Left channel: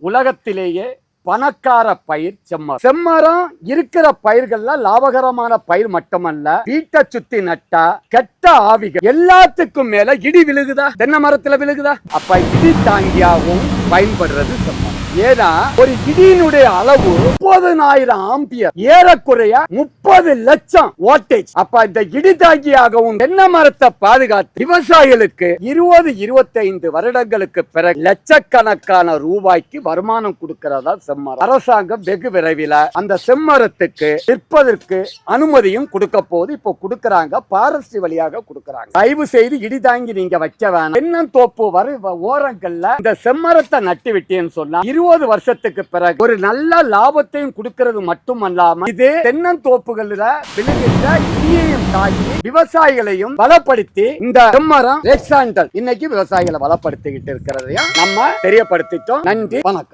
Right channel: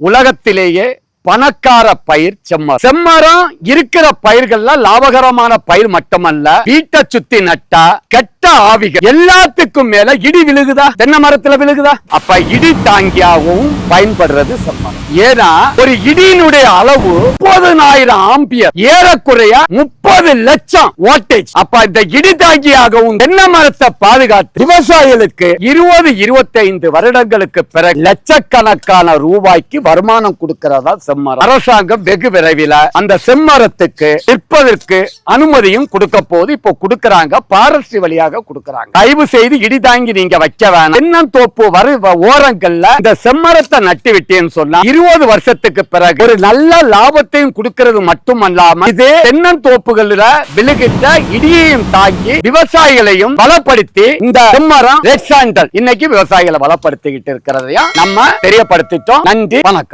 உலகத்திலேயே பணக்கார பயிர் செம்மரம். செம்மரம் இருக்கிற பயிர்கள்லாம் லாபகரமான பயிர் மட்டுமல்ல வீட்டை சுத்தி நட்டா கெட்ட ஆவிகள் எல்லாத்துக்கும் மேல இடி விழுகுதா? தென்னை மரத்துல விழுகுதா? அப்ப இடி தாங்கியாவும் பயன்படுறது செம்மரம் ஏன்னா ஒரு இடியினுடைய அளவு முப்பதுனாயிரம் ஆம்பியர். ஏறக்குறைய முப்பது லட்சம் ஓட்டேஜ் அப்ப இந்த இடி தாங்கியாகவும் தென்னை மரத்தை பாதுகாத்து விவசாயிகளுக்கு இருபது இருபத்தைந்து வருடங்களுக்கு பிறகு லட்சக்கணக்கான ரூபாய்க்கு வருமானம் கொடுக்கிறதா செம்மரம். அரசாங்கம் வெகு விரைவில் அந்த செம்மரத்துக்கு விற்பதற்கு அனுமதியும் கொடுக்க போது இப்போ கொடுக்கறாங்க பாரஸ்ட்ரி வழியாக கொடுக்கறாங்க. தயவு செய்து இடி தாங்கி நீங்க வைக்க வேணாம். தென்னந்தோப்பு வரு ஓரங்கள்ல இந்த செம்மரத்தை நட்டு விட்டேன்னு சொன்னா இருபது வருஷத்துக்கு பிறகு ஒரு நல்ல லாபத்தையும் கொடுக்கிறது மட்டுமல்லாம இது தென்னந்தோப்புகள்ல விழுகின்ற இடியையும் தாங்கி விவசாயிகளையும் பலப்படுத்தி இந்த செம்மரம் இன்னைக்கு விவசாயிகளை பலப்படுத்திக்கிட்டு இருக்கிறதையும் நம்ம தெரியப்படுத்திட்டோம். நன்றி வணக்கம்.